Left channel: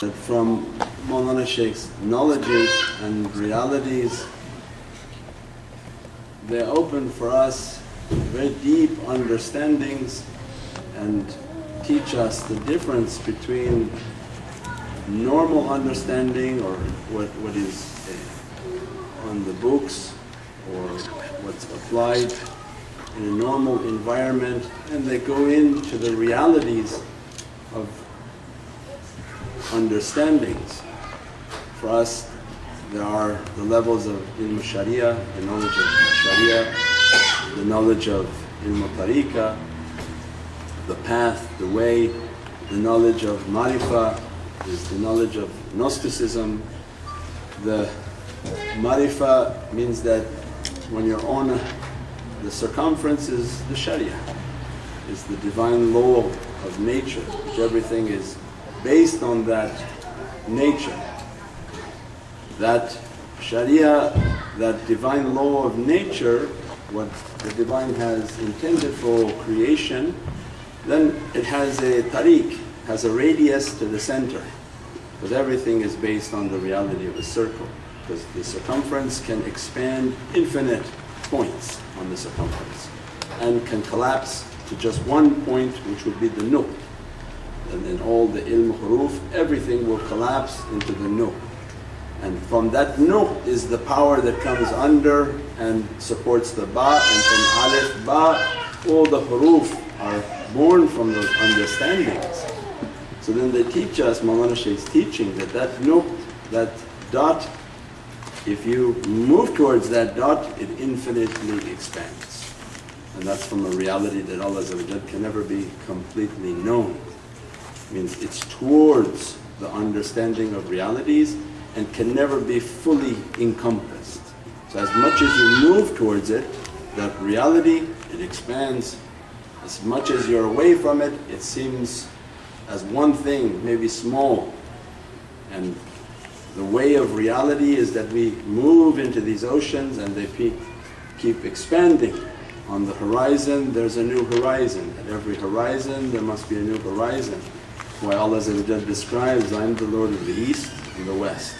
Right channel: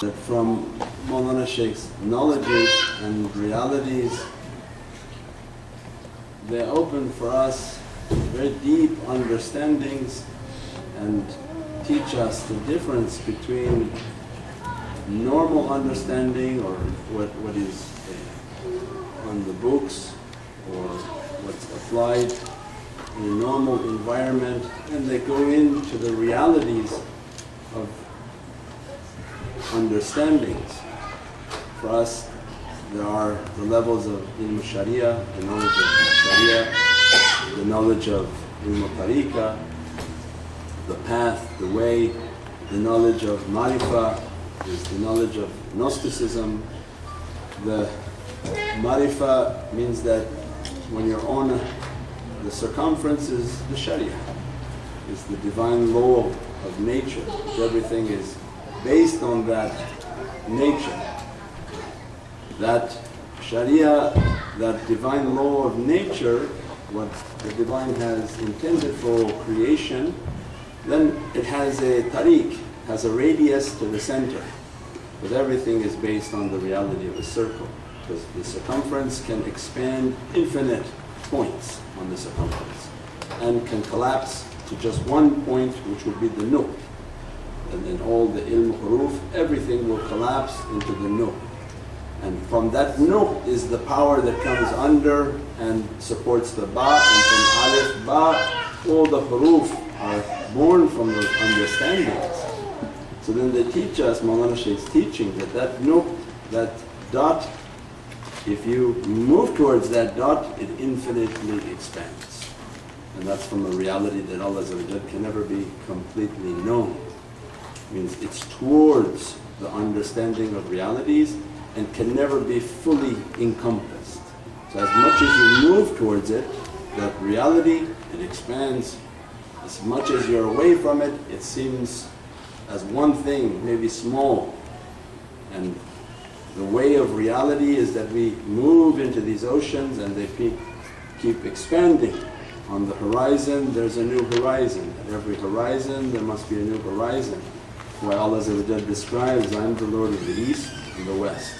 That from Mawlana Shaykh's knowledges and realities, they open for us very deep understandings and teach us the difference between normal understanding or what is on the books or what's applied in a normal environment, and they go into the realities of understandings. For us, there are the levels of ilm sharia, the knowledge of sharia, the knowledge of ilm tariqah, the path, the way, the knowledge of marifah is the knowledge of Gnosticism. The marifah means that when you're on the circumference is the sharia, is the divine law of nature, which everything is based on that nature. That sharia, that divine law of nature, what the divine has intended for creation, then it has a tariq, has a radius to the center, because everything is based on the reality of a circle, because the circumference can expand infinite points on the circumference and can collapse to just one point, which would be the nuq. And then all the ilm huruf, everything will collapse into the nuq. And from that nuq is the power that comes under and supports the ba, and from alif, ba, all the huruf are born from those understandings. So then they teach us, Mawlana Shaykh's teaching, that nuq, that dot, if you move towards that dot, it infinitely expands. And that's from a reality that Allah can never be completely known. Means it's towards the understanding of realities and can never be fully encompassed. So as much as you move towards it, that reality, it expands. As much as you're away from it, it seems as one thing, maybe small. And the way of reality is that we move into these oceans and they keep expanding. On the horizon there's a new horizon. At every horizon there must be a new horizon. Why Allah describes, I am the Lord of the East and the West,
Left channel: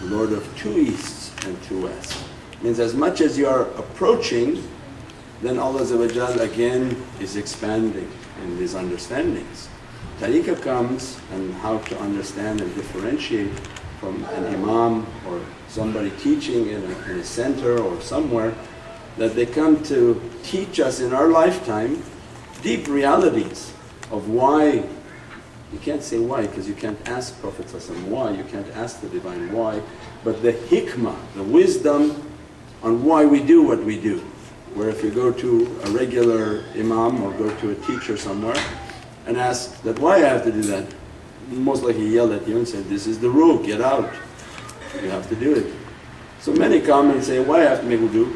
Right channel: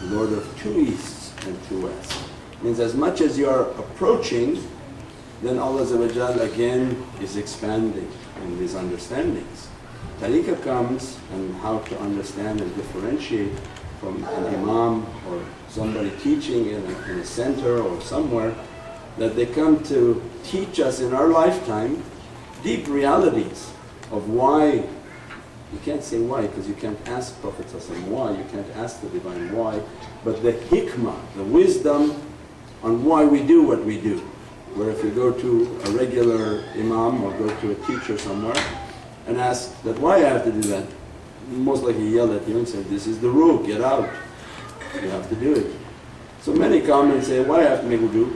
the Lord of two Easts and two Wests. Means as much as you are approaching, then Allah again is expanding in these understandings. Tariqah comes and how to understand and differentiate from an imam or somebody teaching in a center or somewhere, that they come to teach us in our lifetime deep realities of why. You can't say why, because you can't ask Prophet why, you can't ask the Divine why, but the hikmah, the wisdom on why we do what we do. Where if you go to a regular imam or go to a teacher somewhere and ask that why I have to do that, most likely yell at you and say, this is the rule, get out, you have to do it. So many come and say, why I have to make wudu?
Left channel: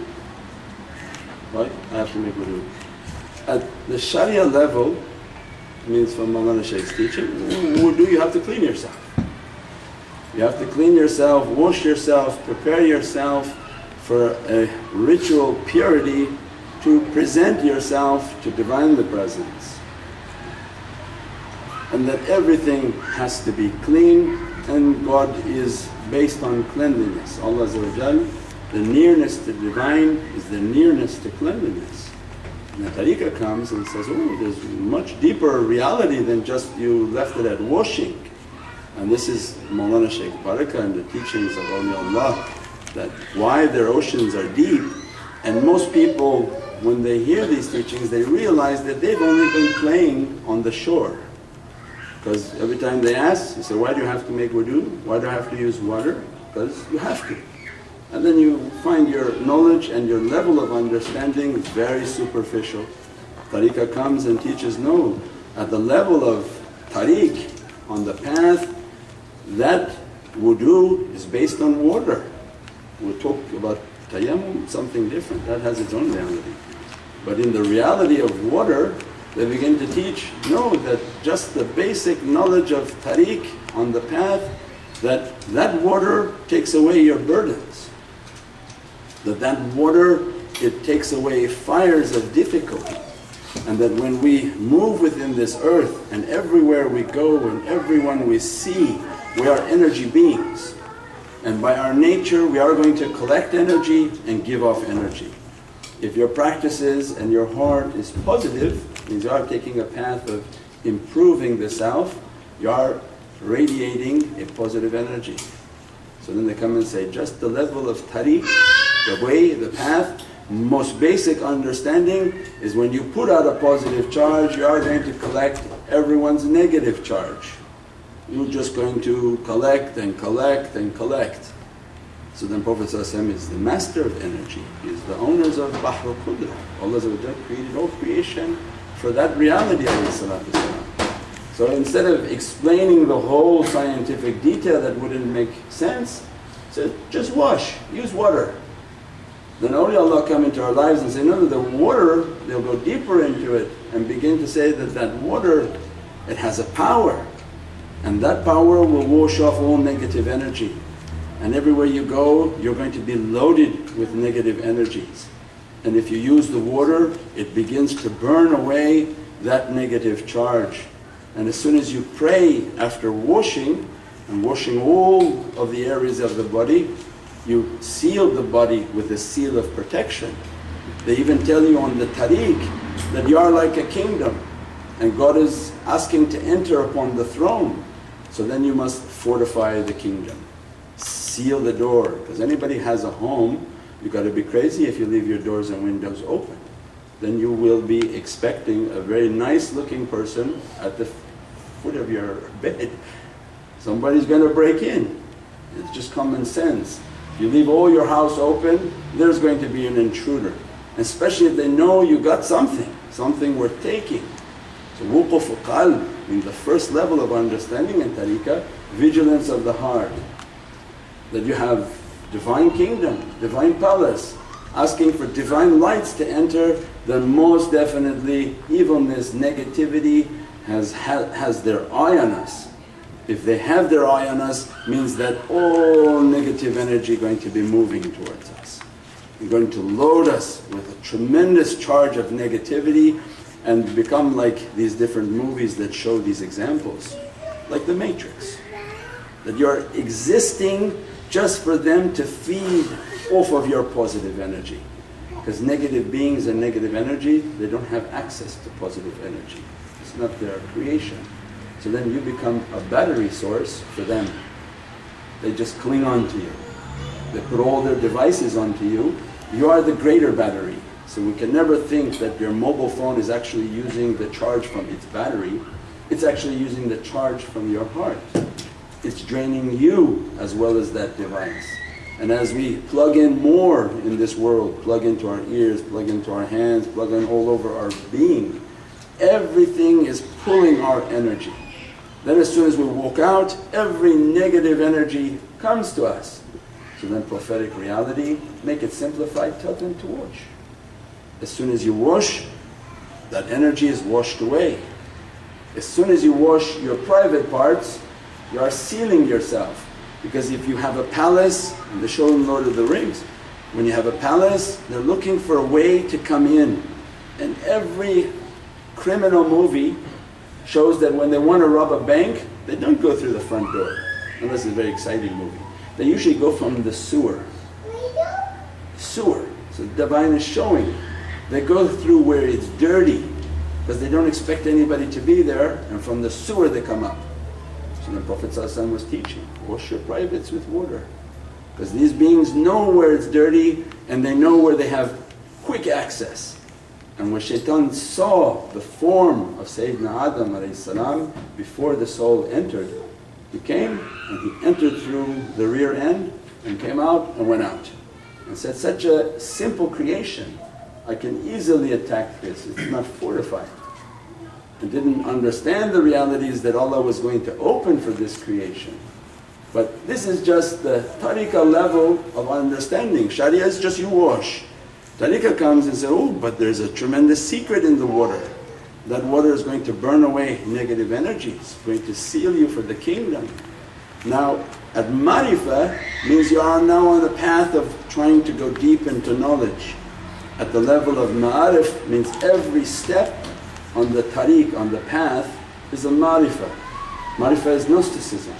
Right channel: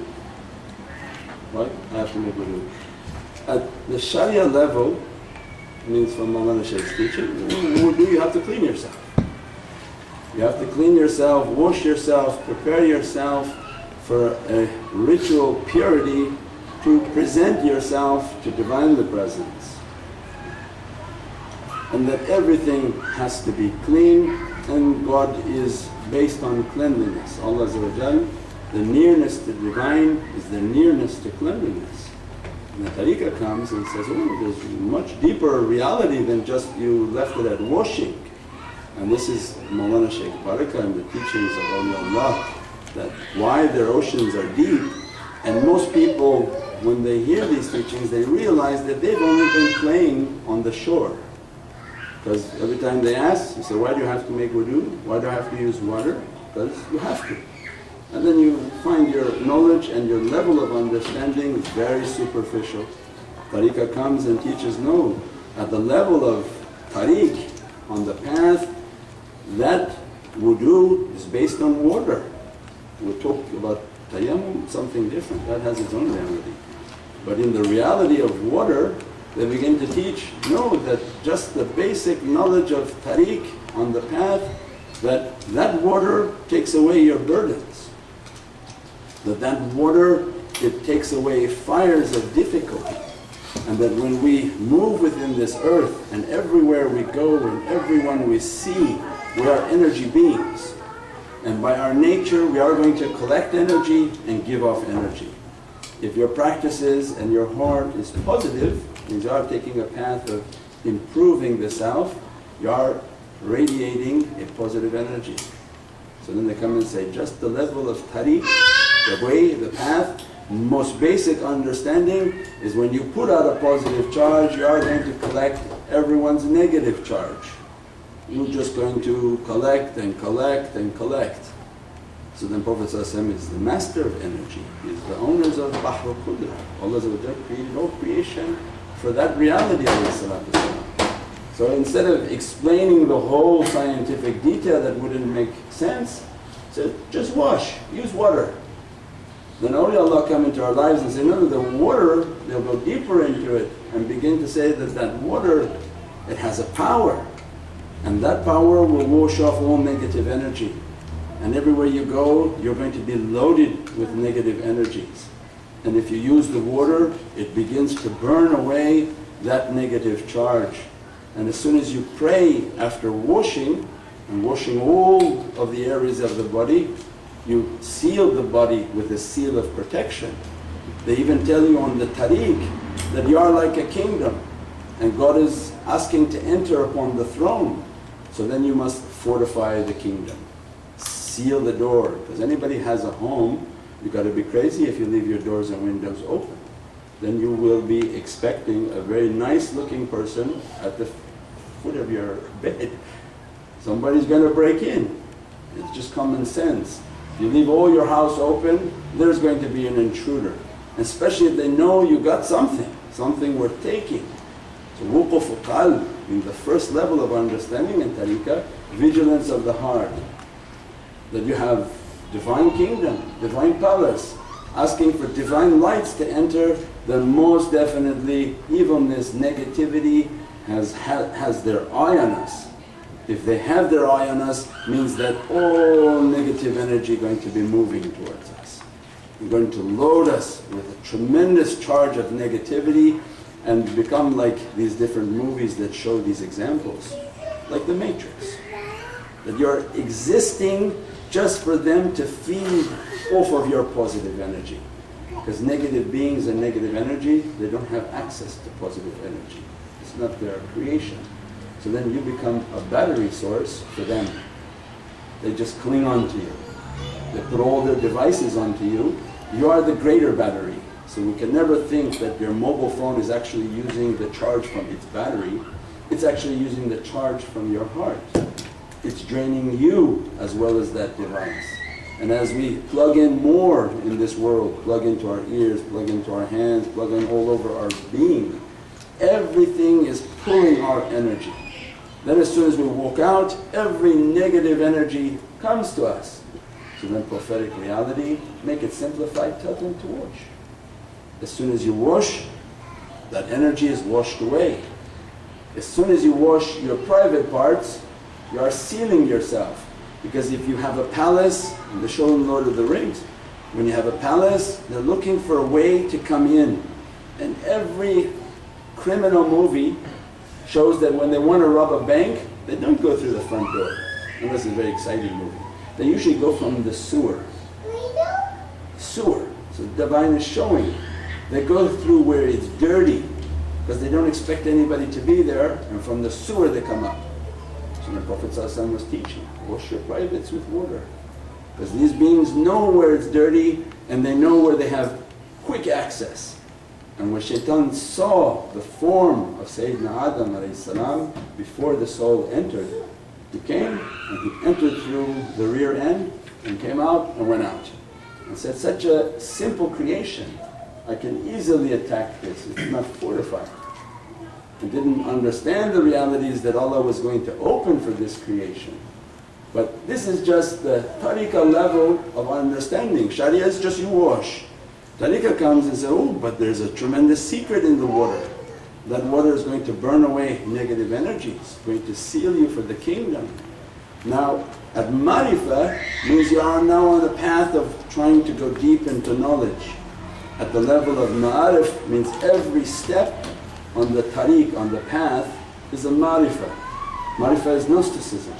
Why I have to make wudu? At the sharia level, means from Mawlana Shaykh's teaching, wudu, you have to clean yourself. You have to clean yourself, wash yourself, prepare yourself for a ritual purity to present yourself to Divinely Presence. And that everything has to be clean, and God is based on cleanliness. Allah the nearness to Divine is the nearness to cleanliness. And the tariqah comes and says, oh, there's much deeper reality than just you left it at washing. And this is Mawlana Shaykh Barakah and the teachings of Awliya, that why their oceans are deep. And most people, when they hear these teachings, they realize that they've only been playing on the shore. Because every time they ask, you say, why do you have to make wudu? Why do I have to use water? Because you have to. And then you find your knowledge and your level of understanding is very superficial. Tariqah comes and teaches, no, at the level of tariq, on the path, that wudu is based on water. We'll talk about tayammum, something different, that has its own reality. But in the reality of water, they begin to teach, no, that just the basic knowledge of tariq on the path, that water takes away your burdens. That water, it takes away fires of difficulty. And that when we move within this earth and everywhere we go and everyone we see, we are energy beings. And by our nature we are going to collect energy and give off energy. If your practices and your heart is positive, means you are taking a path of improving the self, you are radiating a positive energy. So then they come and say, just the level of tariq, the way, the path, most basic understanding is when you put out a positive charge, you are going to collect everyone's negative charge. You're just going to collect and collect and collect. So then Prophet ﷺ is the master of energy, he is the owners of Bahr al-Qudra. Allah created all creation for that reality. So instead of explaining the whole scientific detail that wouldn't make sense, said just wash, use water. Then awliyaullah come into our lives and say, no, the water, they'll go deeper into it and begin to say that that water, it has a power, and that power will wash off all negative energy. And everywhere you go, you're going to be loaded with negative energies. And if you use the water, it begins to burn away that negative charge. And as soon as you pray after washing, and washing all of the areas of the body, you seal the body with a seal of protection. They even tell you on the tariq that you are like a kingdom and God is asking to enter upon the throne. So then you must fortify the kingdom, seal the door, because anybody has a home, you got to be crazy if you leave your doors and windows open. Then you will be expecting a very nice looking person at the foot of your bed. Somebody's going to break in. It's just common sense. If you leave all your house open, there's going to be an intruder. Especially if they know you got something worth taking. So wuquf qalb, in the first level of understanding in tariqah, vigilance of the heart. That you have divine kingdom, divine palace, asking for divine lights to enter, then most definitely evilness, negativity has their eye on us. If they have their eye on us, means that all negative energy going to be moving towards us. They're going to load us with a tremendous charge of negativity and become like these different movies that show these examples, like the Matrix. That you're existing just for them to feed off of your positive energy. Because negative beings and negative energy, they don't have access to positive energy. It's not their creation. So then you become a battery source for them. They just cling on to you. They put all their devices onto you. You are the greater battery. So we can never think that your mobile phone is actually using the charge from its battery. It's actually using the charge from your heart. It's draining you as well as that device. And as we plug in more in this world, plug into our ears, plug into our hands, plug in all over our being, everything is pulling our energy. Then as soon as we walk out, every negative energy comes to us. So then prophetic reality, make it simplified, tell them to wash. As soon as you wash, that energy is washed away. As soon as you wash your private parts, you are sealing yourself. Because if you have a palace, and they show in Lord of the Rings, when you have a palace, they're looking for a way to come in. And every criminal movie shows that when they want to rob a bank, they don't go through the front door, unless it's a very exciting movie. They usually go from the sewer. Sewer. So the Divine is showing. They go through where it's dirty, because they don't expect anybody to be there, and from the sewer they come up. So the Prophet ﷺ was teaching, wash your privates with water. Because these beings know where it's dirty and they know where they have quick access. And when shaitan saw the form of Sayyidina Adam salam before the soul entered, he came and he entered through the rear end and came out and went out. And said, such a simple creation, I can easily attack this, it's not fortified. And didn't understand the realities that Allah was going to open for this creation. But this is just the tariqah level of understanding. Sharia is just you wash. Tariqah comes and says, oh, but there's a tremendous secret in the water. That water is going to burn away negative energies, going to seal you for the kingdom. Now at marifah means you are now on the path of trying to go deep into knowledge. At the level of ma'arif means every step on the tariq, on the path, is a marifah. Marifah is Gnosticism.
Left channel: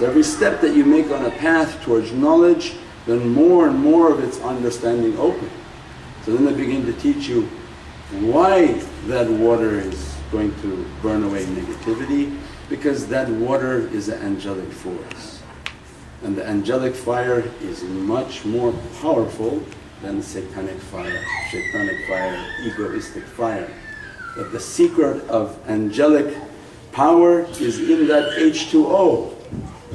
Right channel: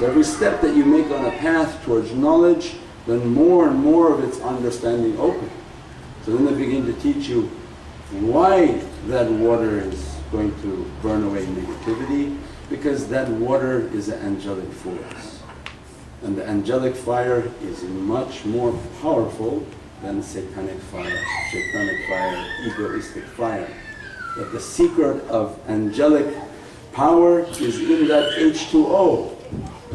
So every step that you make on a path towards knowledge, then more and more of its understanding open. So then they begin to teach you why that water is going to burn away negativity, because that water is an angelic force. And the angelic fire is much more powerful than satanic fire, egoistic fire. That the secret of angelic power is in that H2O.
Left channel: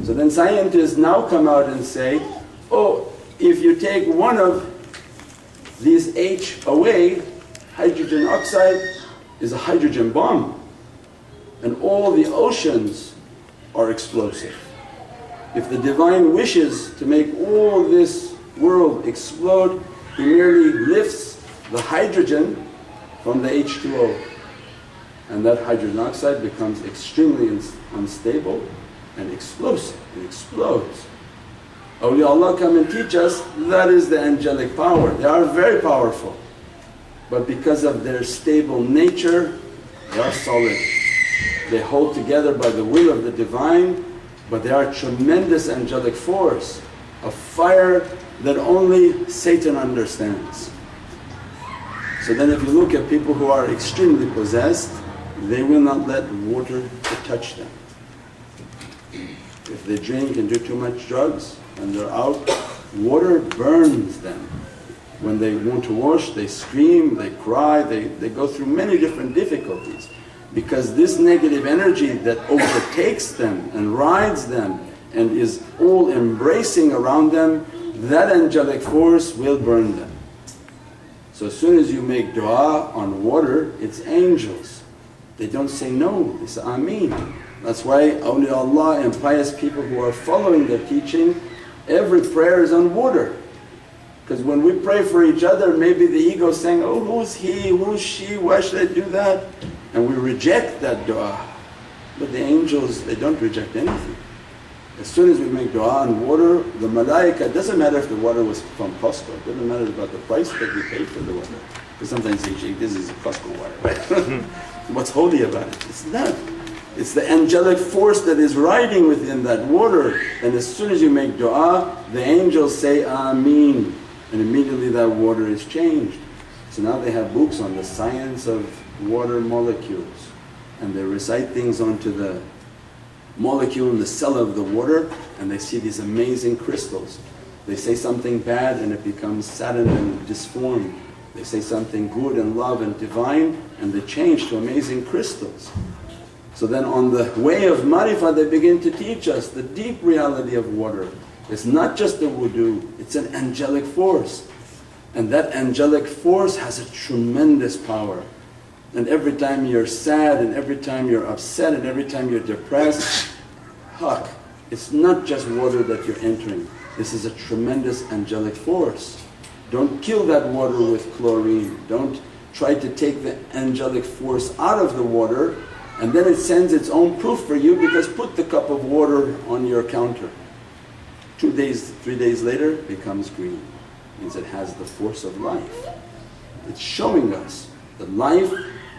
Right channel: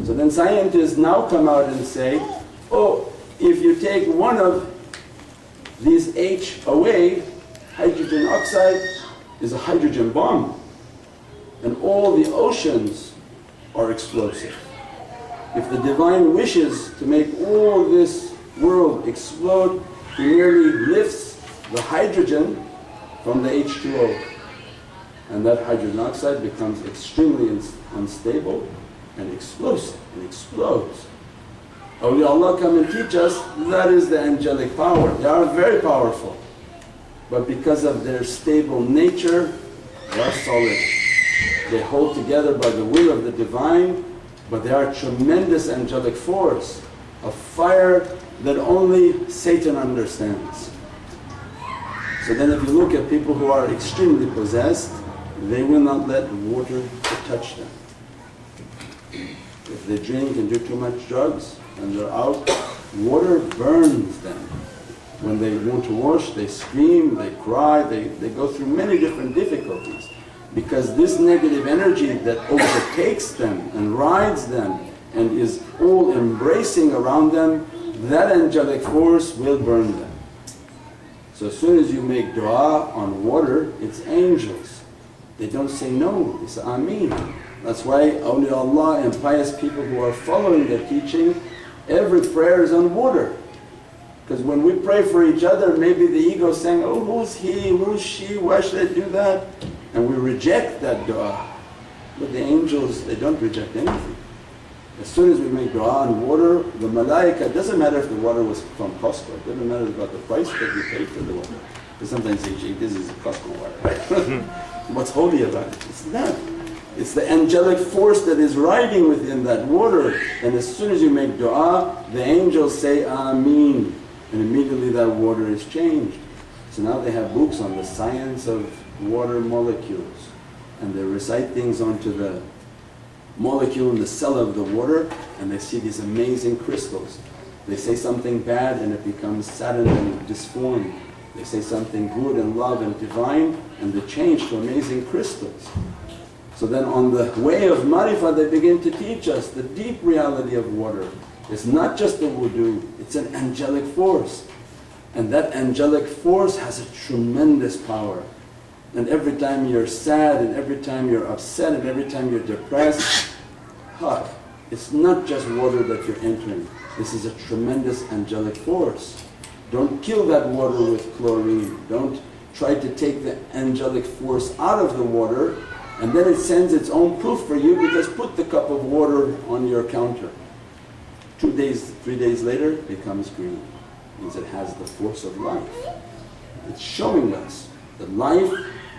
So then scientists now come out and say, oh, if you take one of these H away, hydrogen oxide is a hydrogen bomb, and all the oceans are explosive. If the Divine wishes to make all this world explode, He merely lifts the hydrogen from the H2O, and that hydrogen oxide becomes extremely unstable and explosive, it explodes. Awliya come and teach us that is the angelic power. They are very powerful, but because of their stable nature, they are solid. They hold together by the will of the Divine, but they are a tremendous angelic force, a fire that only Satan understands. So then if you look at people who are extremely possessed, they will not let water to touch them. If they drink and do too much drugs and they're out, water burns them. When they want to wash, they scream, they cry, they go through many different difficulties, because this negative energy that overtakes them and rides them and is all embracing around them, that angelic force will burn them. So as soon as you make dua on water, it's angels. They don't say no, they say Ameen. That's why awliya and pious people who are following their teaching, every prayer is on water. Because when we pray for each other, maybe the ego is saying, oh, who's he, who's she, why should I do that? And we reject that dua. But the angels, they don't reject anything. As soon as we make dua on water, the malaika, doesn't matter if the water was from Costco, it doesn't matter about the price that we paid for the water. Because sometimes you say, this is Costco water, right? What's holy about it? It's that. It's the angelic force that is riding within that water, and as soon as you make dua, the angels say Ameen, and immediately that water is changed. So now they have books on the science of water molecules, and they recite things onto the molecule in the cell of the water, and they see these amazing crystals. They say something bad and it becomes saddened and disformed. They say something good and love and divine, and they change to amazing crystals. So then on the way of marifah, they begin to teach us the deep reality of water. It's not just the wudu, it's an angelic force. And that angelic force has a tremendous power. And every time you're sad, and every time you're upset, and every time you're depressed, it's not just water that you're entering. This is a tremendous angelic force. Don't kill that water with chlorine. Don't try to take the angelic force out of the water, and then it sends its own proof for you, because put the cup of water on your counter. 2 days, 3 days later it becomes green. Means it has the force of life. It's showing us that life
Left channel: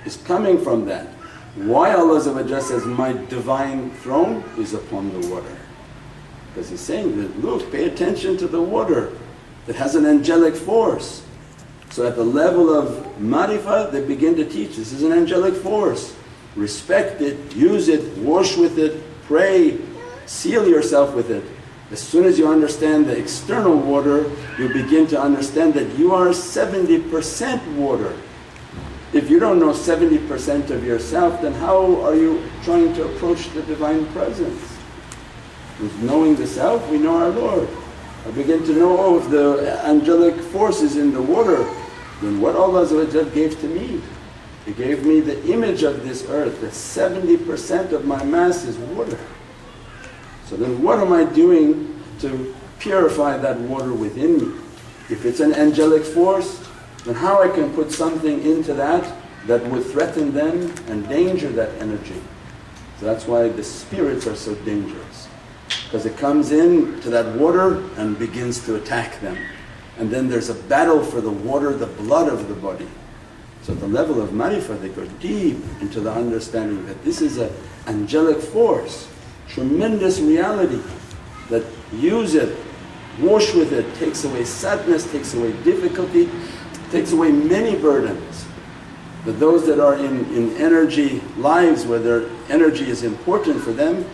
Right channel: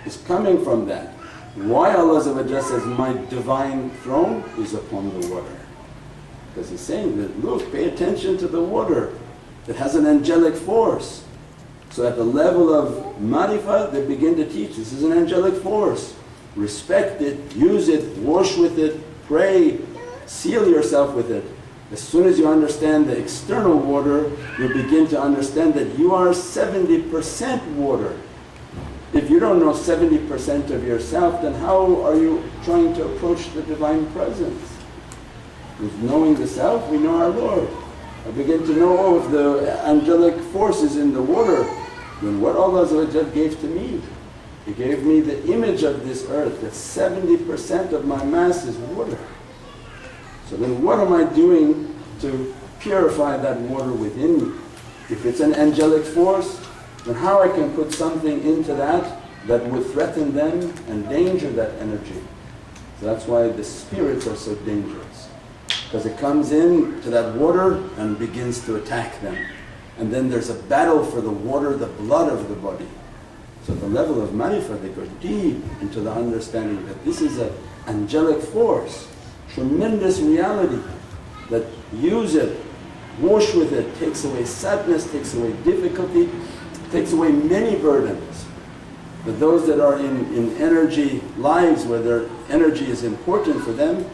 is coming from that. Why Allah says, my divine throne is upon the water? Because He's saying that, look, pay attention to the water. It has an angelic force. So at the level of marifah, they begin to teach, this is an angelic force. Respect it, use it, wash with it, pray, seal yourself with it. As soon as you understand the external water, you begin to understand that you are 70% water. If you don't know 70% of yourself, then how are you trying to approach the Divine Presence? With knowing the Self, we know our Lord. I begin to know, oh, if the angelic force is in the water, then what Allah gave to me? He gave me the image of this earth, that 70% of my mass is water. So then what am I doing to purify that water within me? If it's an angelic force, then how I can put something into that would threaten them and danger that energy. So that's why the spirits are so dangerous, because it comes in to that water and begins to attack them. And then there's a battle for the water, the blood of the body. So at the level of marifah, they go deep into the understanding that this is an angelic force. tremendous reality that use it, wash with it, takes away sadness, takes away difficulty, takes away many burdens. But those that are in energy lives where their energy is important for them,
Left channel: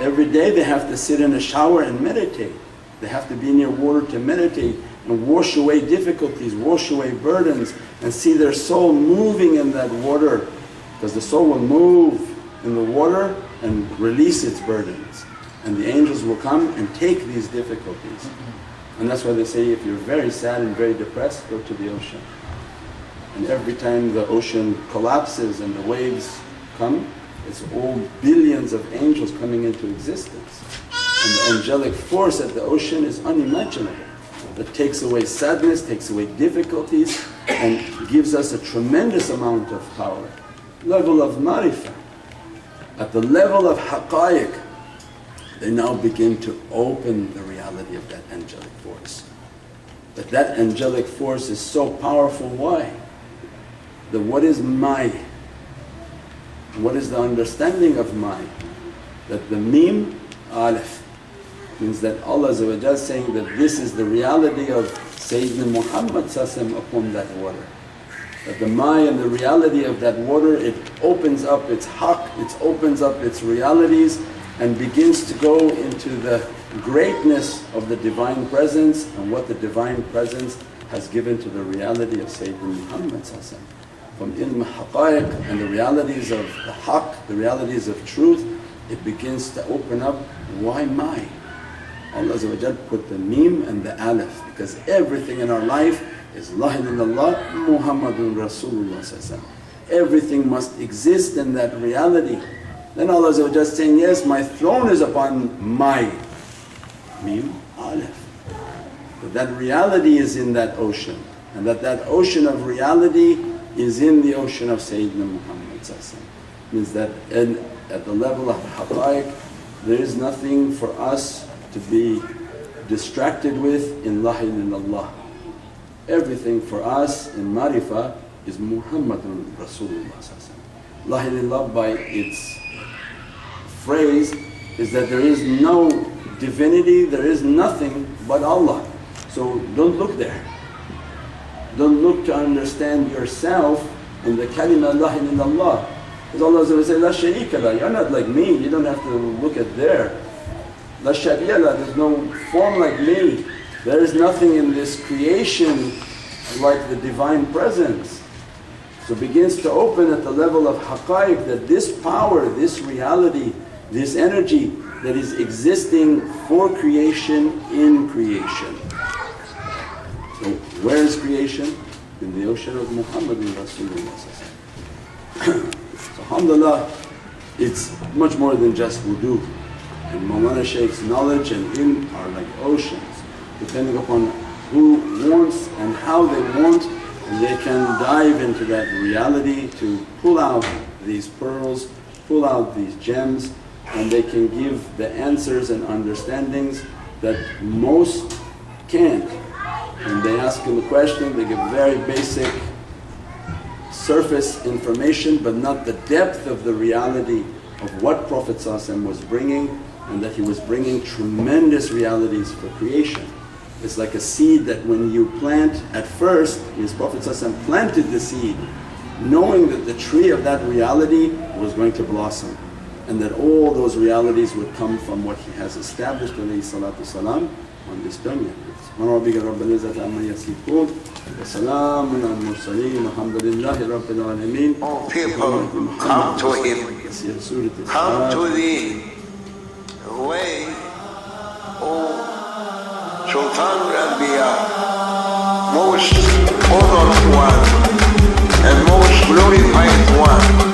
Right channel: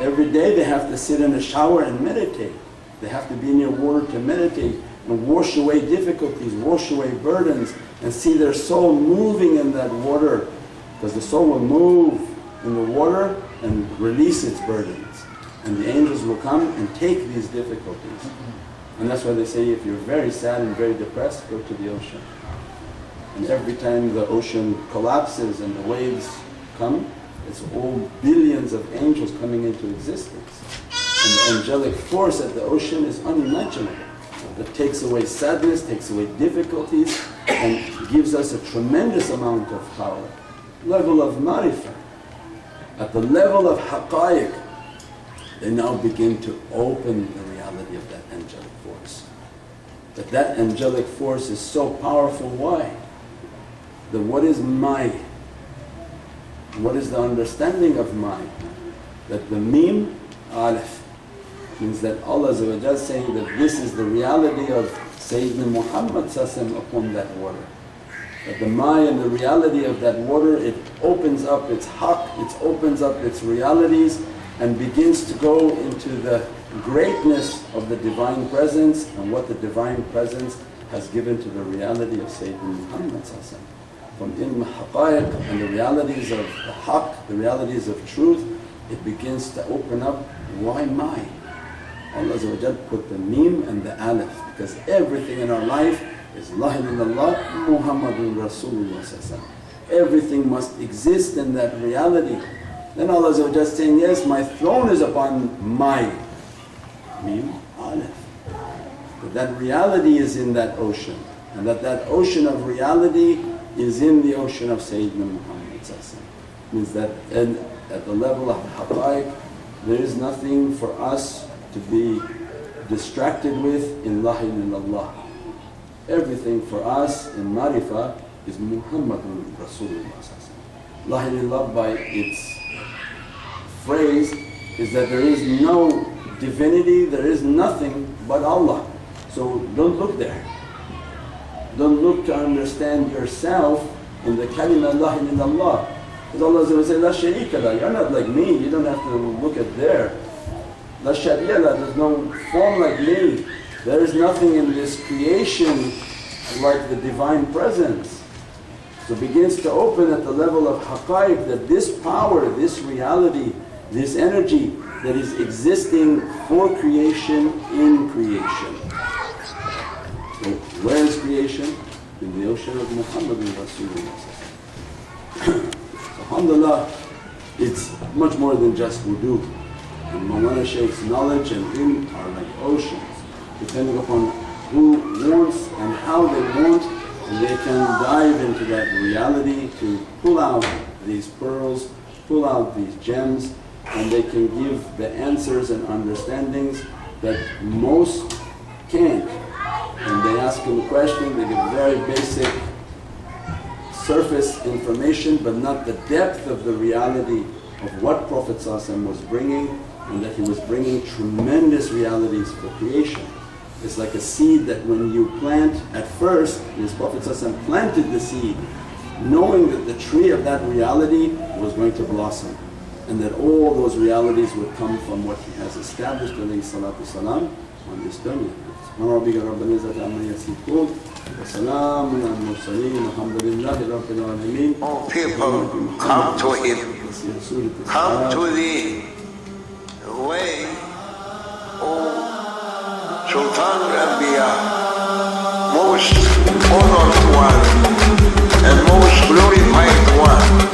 every day they have to sit in a shower and meditate. They have to be near water to meditate and wash away difficulties, wash away burdens, and see their soul moving in that water, because the soul will move in the water and release its burdens, and the angels will come and take these difficulties. And that's why they say, if you're very sad and very depressed, go to the ocean. And every time the ocean collapses and the waves come, it's all billions of angels coming into existence. And the angelic force at the ocean is unimaginable. That takes away sadness, takes away difficulties, and gives us a tremendous amount of power. Level of marifah. At the level of haqqaiq, they now begin to open the reality of that angelic force. But that angelic force is so powerful, why? That what is my? What is the understanding of my? That the mim, alif, means that Allah is saying that this is the reality of Sayyidina Muhammad upon that water. That the ma and the reality of that water, it opens up its haqq, it opens up its realities and begins to go into the greatness of the Divine Presence and what the Divine Presence has given to the reality of Sayyidina Muhammad. From ilm haqqaiq and the realities of the haqq, the realities of truth, it begins to open up. Why my? Allah put the mim and the alif, because everything in our life is La ilaha illallah Muhammadun Rasulullah. Everything must exist in that reality. Then Allah is saying, yes, my throne is upon my mim, alif. But that reality is in that ocean, and that ocean of reality is in the ocean of Sayyidina Muhammad. Means that at the level of haqqaiq, there is nothing for us to be distracted with in La ilaha illallah. Everything for us in marifah is Muhammadun Rasulullah. La ilaha illallah by its phrase is that there is no divinity, there is nothing but Allah. So don't look there. Don't look to understand yourself in the kalima La ilaha illallah. Because Allah will say, La sharika la, you're not like me, you don't have to look at there. La shabiya la, there's no form like me. There is nothing in this creation like the Divine Presence. So it begins to open at the level of haqqaiq that this power, this reality, this energy that is existing for creation in creation. So where is creation? In the ocean of Muhammadan Rasulullah. So alhamdulillah, it's much more than just wudu. And Mawlana Shaykh's knowledge and ilm are like oceans. Depending upon who wants and how they want, and they can dive into that reality to pull out these pearls, pull out these gems, and they can give the answers and understandings that most can't. And they ask them a question, they give very basic surface information, but not the depth of the reality of what Prophet was bringing, and that he was bringing tremendous realities for creation. It's like a seed that when you plant at first, his Prophet planted the seed, knowing that the tree of that reality was going to blossom, and that all those realities would come from what he has established alayhi salatu salam on this dunya. All people come to him, come to the way, O Sultan Rabbiya, most honored one and most glorified one.